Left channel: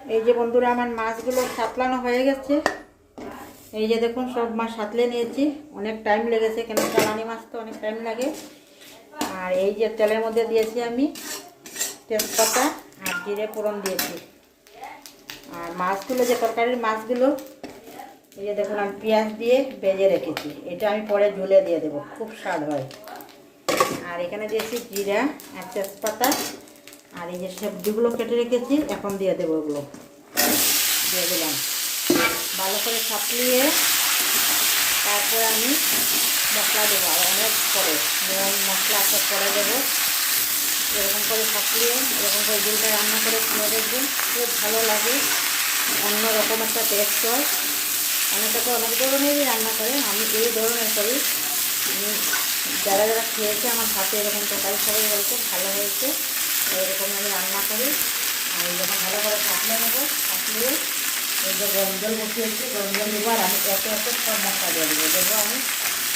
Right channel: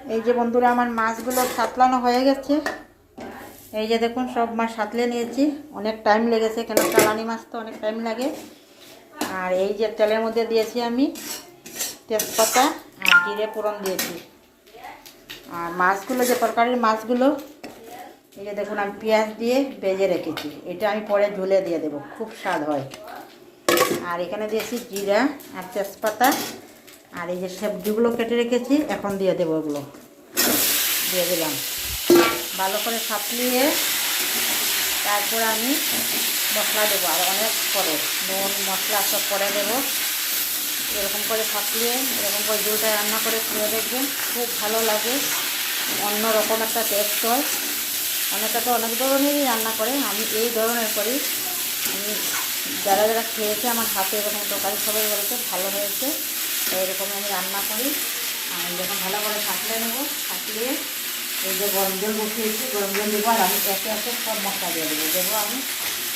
এই যে বন্ধুরা আমার মাছগুলো সাতলানো হয়ে গেছে। এই যে দেখুন সব মাছ সাতলে নিয়েছি। অনেক টাইম লেগেছে, কেন চালানি মাছ তো অনেক টাইম লাগে। আর এই যে তেলের মধ্যে দিয়েছি আমি তেজপাতা আর জিরে ফোড়ন দিয়েছি। আর মাছগুলো যে তরকারির মাছগুলো এই যে দেখুন আমি পেঁয়াজ দিয়ে ভেজে রেখেছি। এটা আমি পরে ঝুলে দিয়ে দেবো, খুব স্বাদ হয়। আর এখানে দিয়েছি জিরা আর তেজপাতা। আর এই যে সবজিগুলো কেটে রেখেছি এখন দিয়ে দেবো, ওগুলো দিয়ে দিলাম। ভালো করে সাপলিয়ে তারপরে আমি মশলা দেবো, আর অনেক পরে নুন মশলা সব পরে দেবো। এরকম করে সাপলিয়ে এরকম করে ঝুলটা রান্না করে খেয়ে দেখবেন, খুব ভালো লাগে। অন্য রকম একটা টেস্ট হয়। অনেকে তো অনেক ধরনেরই রান্না করে, আমি এই ধরনের করি। আমি যারা যারা খেয়েছে আমার হাতে এরকম তরকারি সবাই বলেছে ভালো হয়েছে, এরকমই আমি রান্না করি। আমি যখন ভালো করে সাপলে নেবো, সাপলিয়ে এই যে গরম জল বসিয়েছি, গরম জল দেবো। আর আমি একে একে সব মশলা দিয়ে দেবো আমি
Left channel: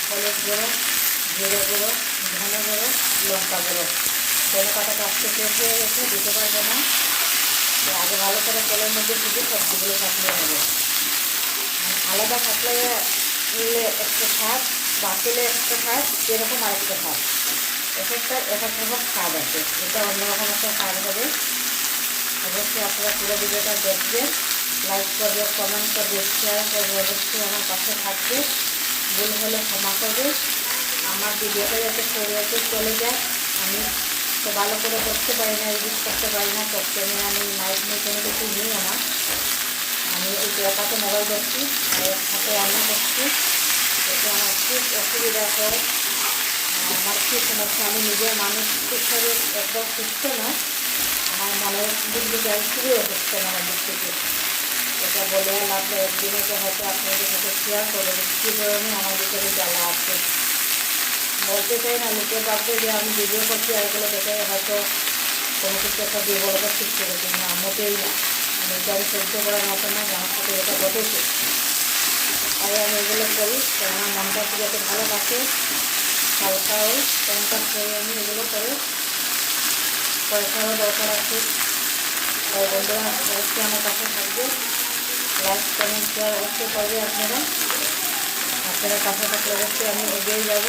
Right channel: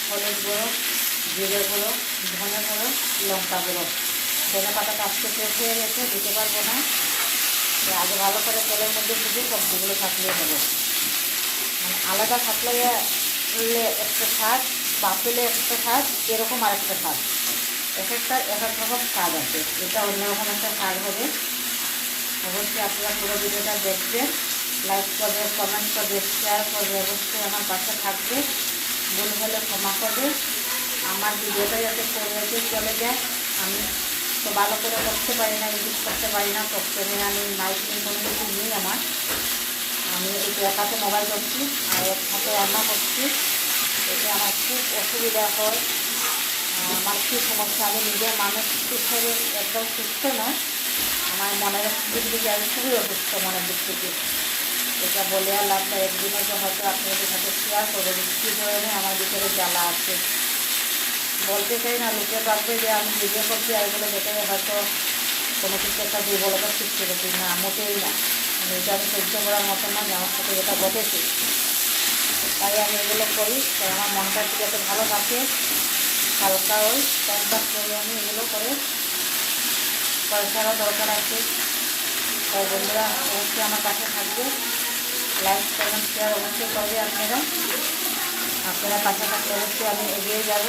হলুদ গুঁড়ো, জিরে গুঁড়ো, ধনে গুঁড়ো, লঙ্কা গুঁড়ো। ধনে পাতাটা আজকে শেষ হয়ে গেছে, দিতে পারবো না। তো আগে ভালো করে তেলের মধ্যে ভুজে সবজিগুলো সাপলিয়ে নেবো। মানে আলাদা সাপলাইয়ে একটা স্বাদ, বাতিলে একটা স্বাদ, এরকম আরেকটা স্বাদ। এক একটা এক এক রকম স্বাদ আছে, এটা অন্যরকম একটা স্বাদ হবে। অবশ্যই আপনারা পুরো ভিডিওটা দেখবেন, লাইক করবে, কমেন্ট করবে, শেয়ার করবে, অবশ্যই আমার পাশে থাকবে। ভুল হলে ক্ষমা করবে। আমার ভিডিওটা যাতে ফেরতে চলে যায়, আমি তো ভালো করে করতে পারি না, এডিট করতে পারি না, টপ ক্যামেরা আমি মাইক নিয়ে কোনো কিছু নেই আমার। আমি এই একাতে মোবাইল করছি আর এক হাতে রান্না করছি, এতে আমার খুব অসুবিধা হয়। আমার কী সমস্যা, আমি নিজের মানসিক শরীর একদম সুস্থ নয়, আমার মনের দিক থেকে আমি খুবই অসুস্থ মনের দিক থেকে। এটা বলে আর লাভ নেই। একদিনে যে হয়তো আপনাদের সাথে শেয়ার করবো যে কী ধরনের আমার ভিতরে জ্বালা আছে। বলতে চাই না, লোকে ভাববে যে আমি ভিডিও করছি আর এগুলো দেখে হয়তো কোনো কিছু একটা দুর্বলতা সৃষ্টি করছি, না মোটেই না। এটা আমি সহ্য করার মতো না যে আমার সাথে এটা ঘটেছে, তাই আমি এগুলো করি। তাই আমার মনটা একটু যাতে ভালো থাকে, হালকা ওই টাইমটা করে আমি এগুলো করে পয়সারও দরকার আছে। তাই বন্ধুরা অবশ্যই আমার কাছে থাকবে, লাইক কমেন্ট শেয়ার অবশ্যই করবে। আপনারা কাছে থাকলে অবশ্যই আমি এগিয়ে যাব।